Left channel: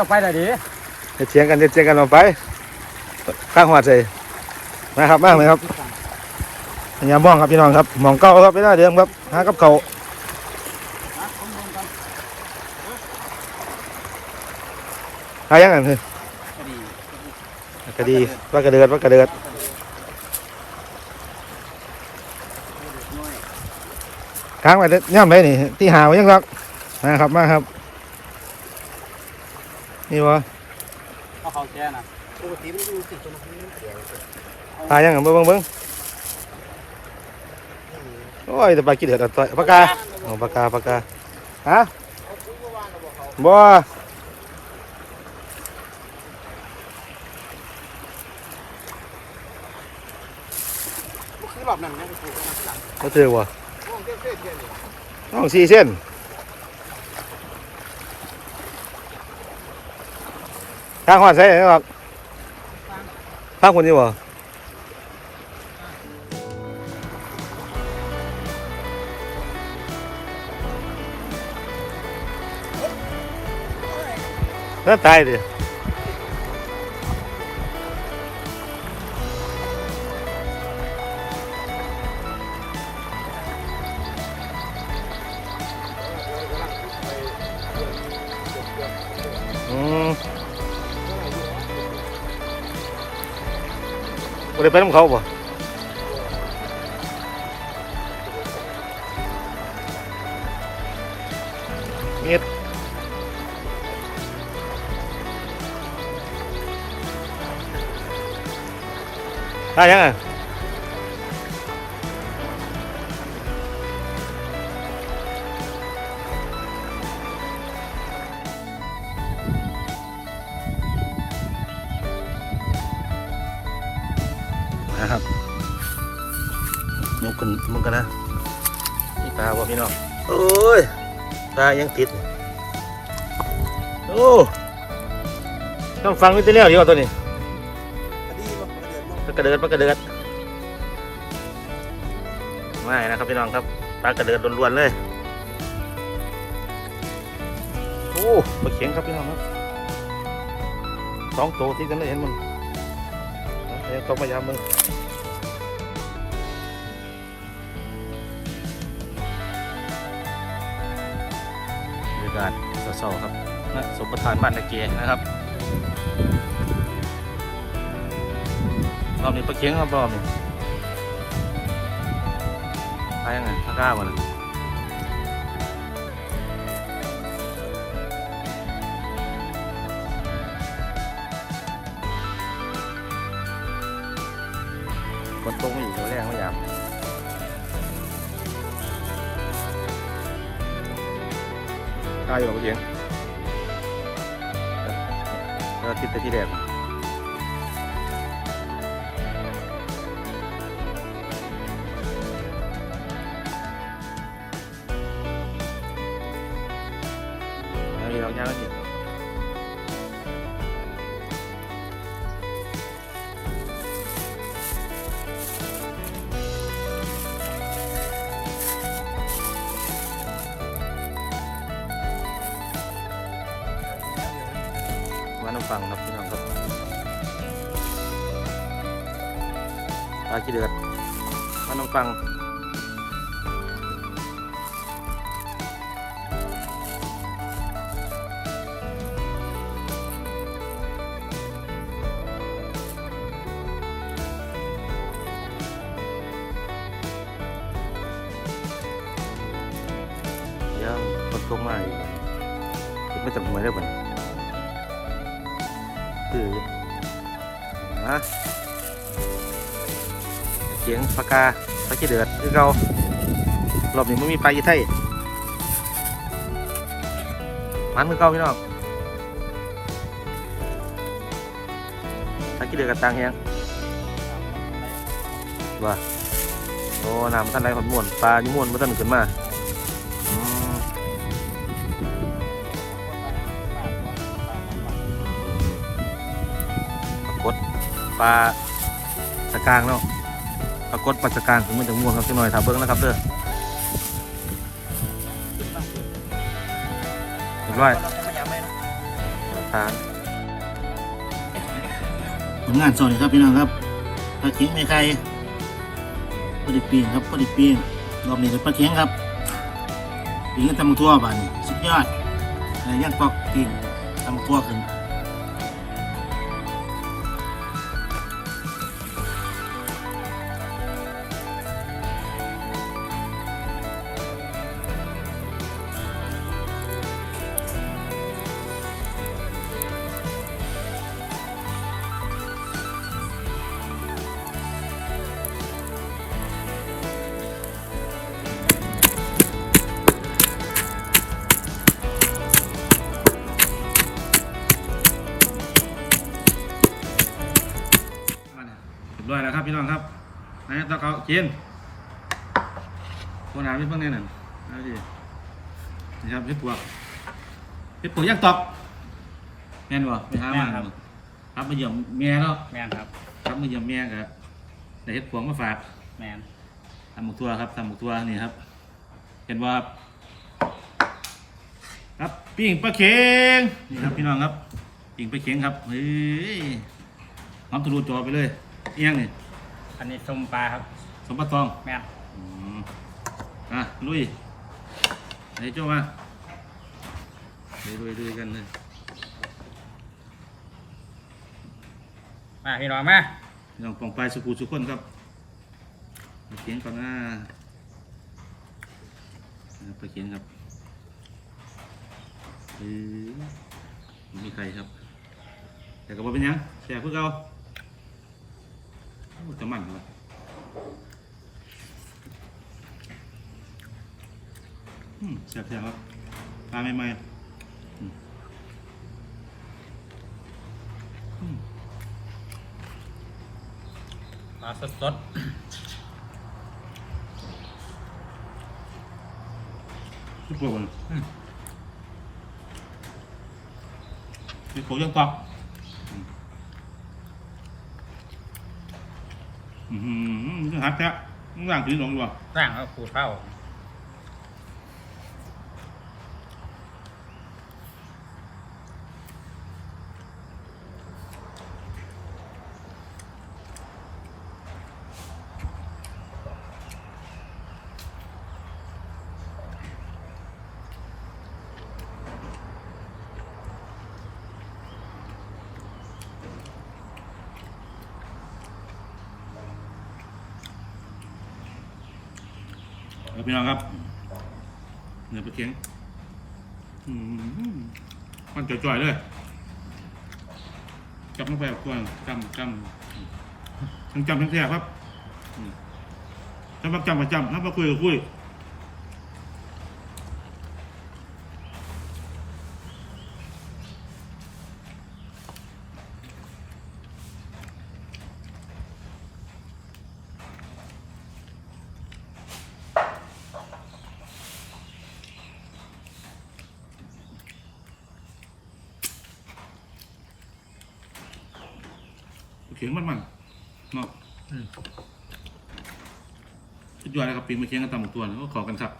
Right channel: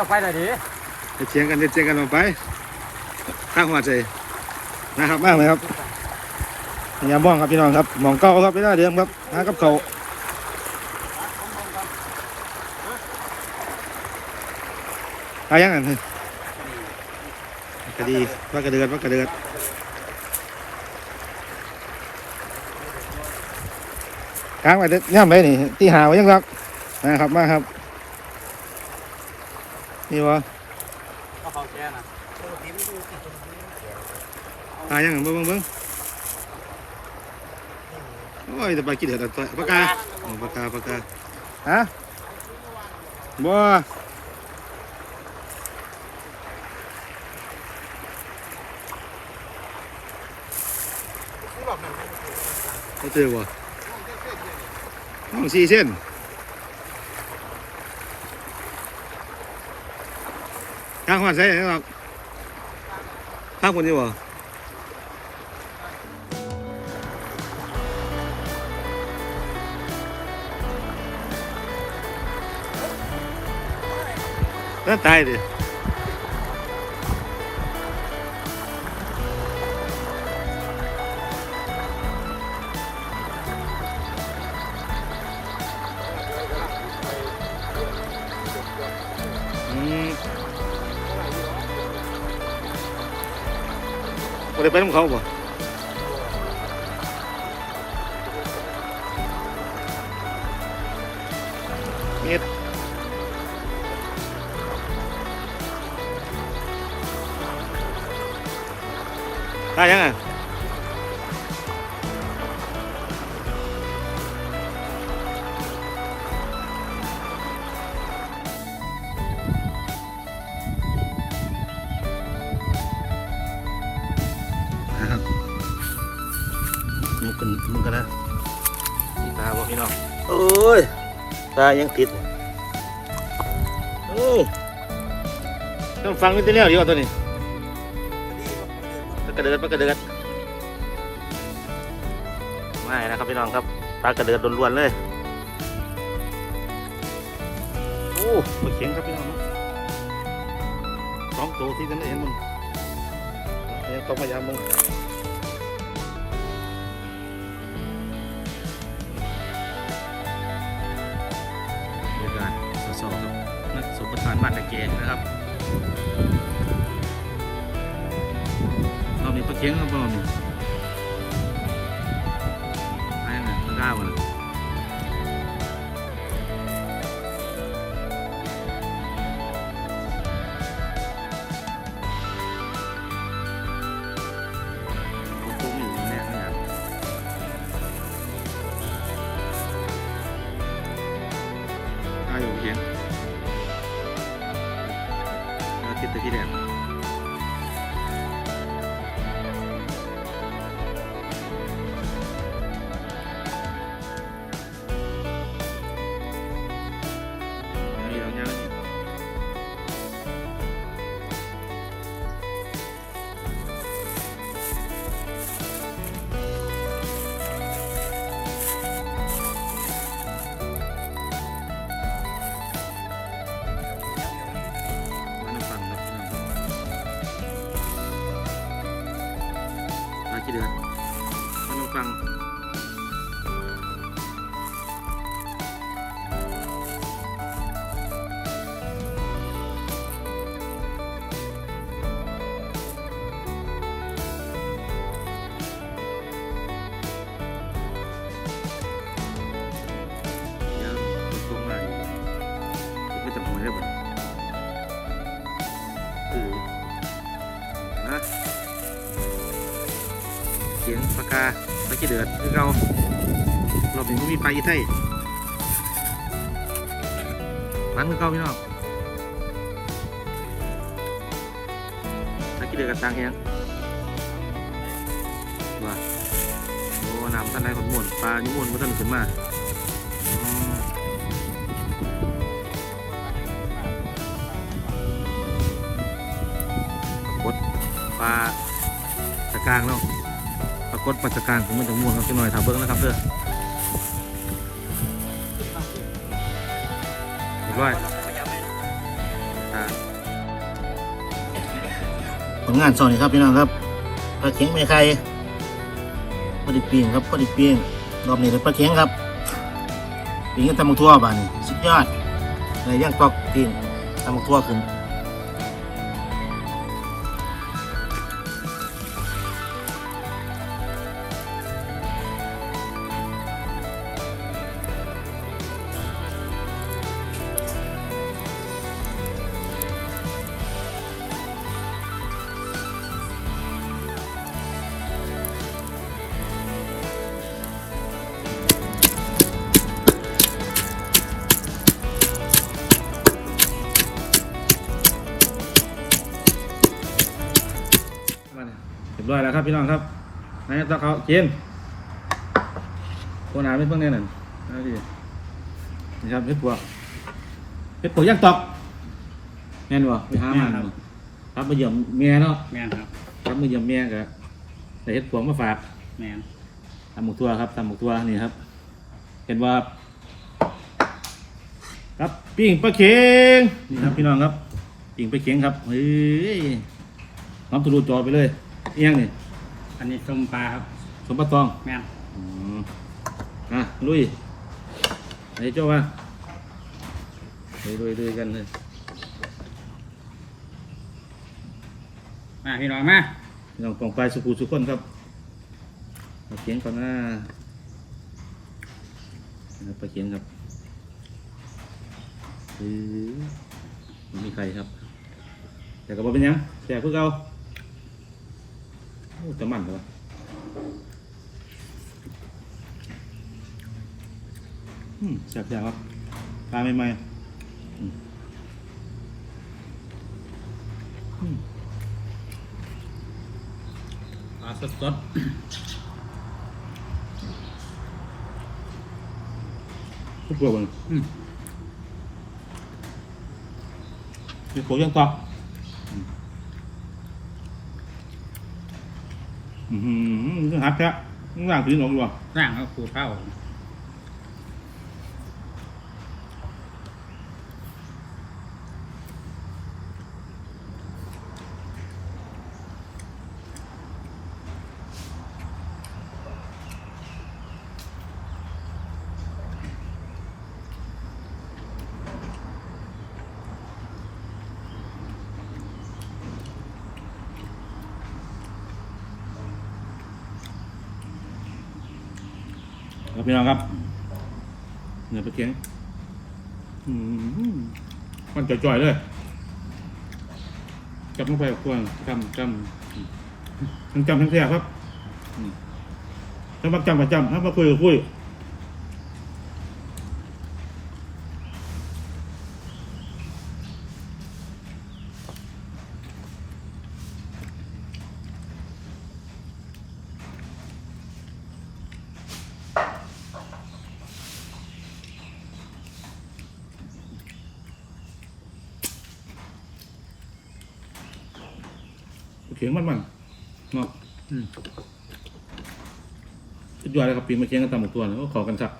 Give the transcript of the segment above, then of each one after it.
จะไปไหนดีจะเถียงกันจะเถียงกันออกไป ข้างหัวใจนะครับมากเลยครับยามบ้องครับพี่น้องครับหมองเก้าครับไม่ได้เดิมครับหากับเขาวนะผมเบิ่งก่อนหายังไงเพื่อนคดีคดีว่ากระเดือดว่ากระเดือดน้อยค้างไว้เด้อย่ำไปนี่ที่หาไว้ยังครับมาครับมาครับ นี่วะเอาเขาแก่นะปกติมันดูสิตัวนั้นมันแก่หายังไงเบิ้งเบิ้งเบิ้งโอ้ยแต่ปลากี่เดือดอะต่อยปากกาอ๋อปากกาปากกาฮะบ่คือรอบนั้นแม่งคือเขาเจอวะน้องสี่เส้น ข้างหัวใช่ไหมครับข้างคนนี้วะแล้วตายดิ บ่ได้ไปน้ำเขาบ่เมียดได้ยังไงนะายังติด โอ้ต้องฟังวิทย์แล้วดีกว่าตัวนี้คดีว่ามันเดือดปลากระเดิดปลากระเดิดไม่นะครับพี่น้องครับปลากระเดิดล้วนๆเลย โอ้ปลาเข็งครับพี่น้องครับสองตัวที่กันได้เห็นมันเดี๋ยวต้องพยายามมึง ศสดๆครับนักสมประทานบ้านตะเกียนะครับรอบนี้ปลาเคียงครับรอบนี้ไปยังไงข้างกล้าบ่เลย ขี้เดือดมาน้ำฟังเดี๋ยวคนโทรมาอีกไม่จำหวยได้บ่คือฮะียงปากกาปลาขี้เดือดคือเรารอบนี้ไม่มีปลายี่ไทยมันมือเก่าพี่น้องปลาขี้เดือดกันตังยังว่าโอ้น้ำท่านไรขดมวนปลานี่มวนมาท่านขึ้นมาปลาสะกางเนาะ กฏปลาสะกางผมมันจะม่วงครับจังหน่อยถาเบิ้งนะครับเด้อเรียบร้อยผลงานสอนนี่ครับพี่น้องครับปลาเข็งไม่ไข่พอดีปีงครับพอดีปีงรอบนี้เป็นปลาเข็งครับปีงก็ทำมาทั่วบ้านสุดยอดในย่างกรอบปีงทำมาทั่วขึ้น ครับพี่น้องครับนายตะเขาเจนตัวหนาเป็นเพิ่งแน่นั่นนะพี่นี่ครับเฮ็ดปวกเฮ็ดปวกย่างตอกแม่นบ่ไปหามาบ่ครับมาเยี่ยมแม่เนาะแม่นครับครับมาเยี่ยมแม่ก็ได้เฮ็ดปวกมาฝากแม่นตำหมกทั่วครับตำหมกทั่วนี่ครับ เห็นว่าครับปิ้งปลาเข็งนี่ครับพี่น้องครับปิ้งปลาเข็งครับเฮ้ยน้ำทะลุจอไปเลยเอียงนี่ อันนี้ส้มปลาครับสมบัติตองแม่นอืมอะลุยไหนเจ้ามาลุยลุยลุยกันเลยมาพี่น้องมาพี่น้องกองไฟสุขุสุขคนครับปลาเข็งก่อนนะนี่ครับปลาเข็งครับเฮ้ยไม่มีใครครับ แต่ก็บอกเป็นหยังแซ่บเพื่อเก่า โอ้แต่มันเลยอืมแซ่บแซ่บครับปลาใหม่ๆอืมอืมปลาสดสดทุกพวกมันๆอืมมีโขยังตอก อืม อืมหัดแท้มันร่างตีนออกดีกว่าร่างก็ขูดข้า ครับพี่น้องครับเนื้อปลาเค็งมันจ่อยๆเลยจับลงไปกวนจำจำมทั้งจำทั้งแซ่บครับอืมถ้ามาจำบักจำถ้ามาคุยก็คุย ขียงมันมันๆเนาะอืมสุดยอดเลยครับปีนมาเคียงกันตามหมดตัวแล้วก็ขอกันครับ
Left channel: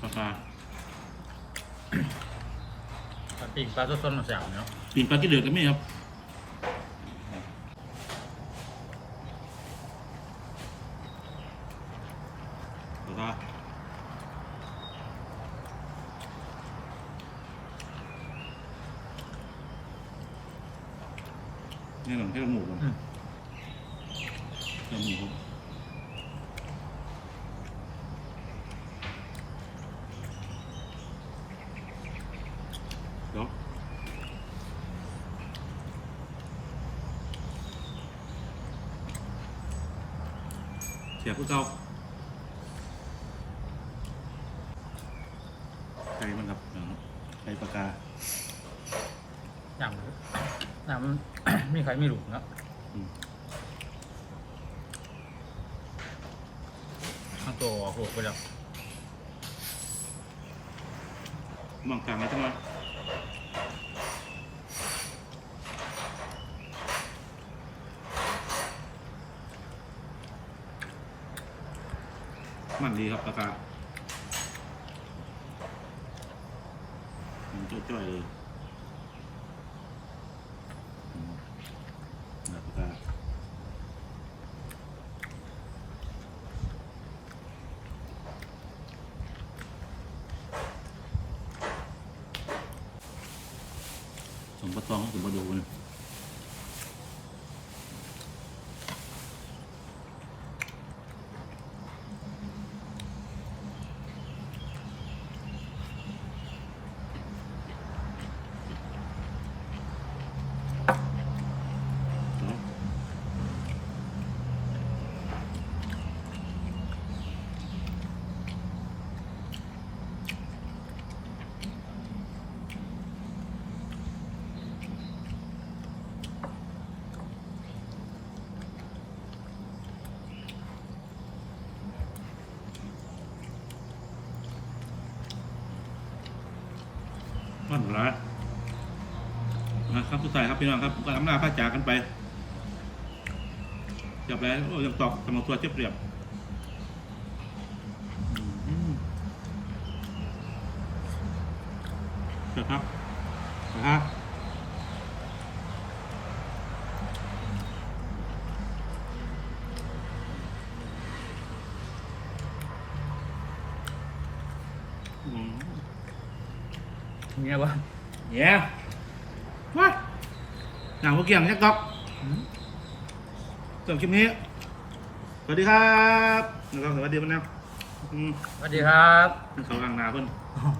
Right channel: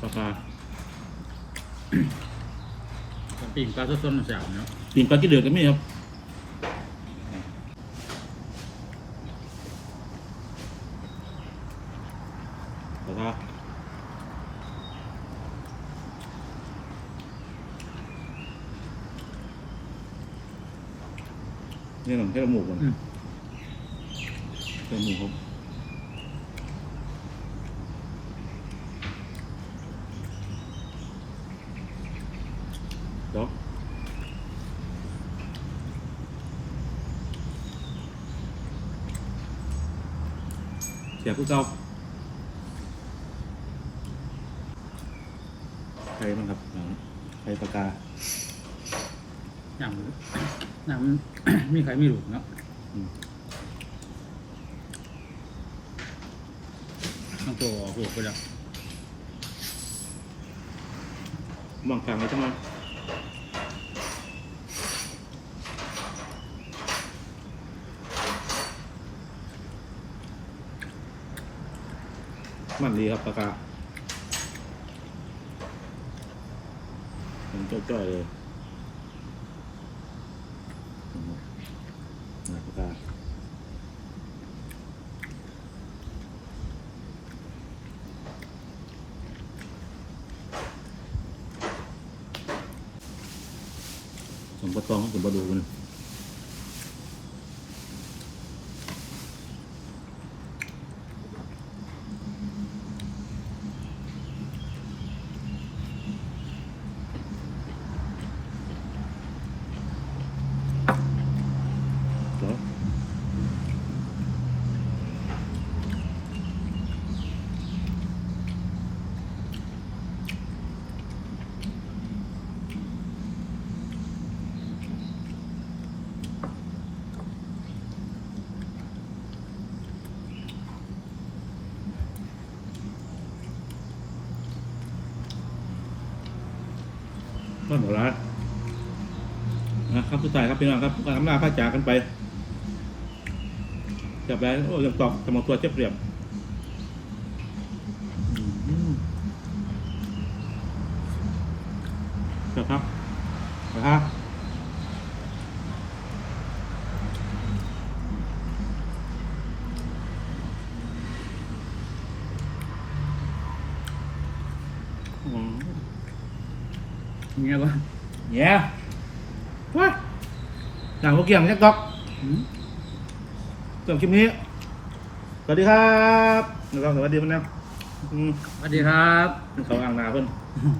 ปลาปลาปลาปีนปลาสดสดๆมาจากเนาะปีนปลากี่เดือดกันไหมครับปลาปลาเนี่ยหนังให้ละหมูก่อนอืมเติมหมูครับเดี๋ยวเสียผู้เก่าใครบ้างครับน้องใครปากกา น้ำน้ำมีใครไม่รู้เนาะอืมทั้งตัวออกลูกไปแล้วมองกลางเลยทั้งนั้นมันดีครับปลากาผมจ้อยๆเลยนะปลากา สมปะตองสมปะดูมันเห รอนั่นเหรอนะครับสุดท้ายครับพี่น้องครับการอำลาพระจากกันไปจับแล้วโอ้ยังตอกสมองตัวเจ็บเรียบอืมครับนะครับอืม เงี้ยวะเนี่ยว้ายหนังพวกเกี่ยงยักษ์ตอกอืมจบคลิปนี้ สวัสดีครับนะครับสวัสดีมันนะอืมสวัสดีครับ เขาอ่างนาเพิ่นอืม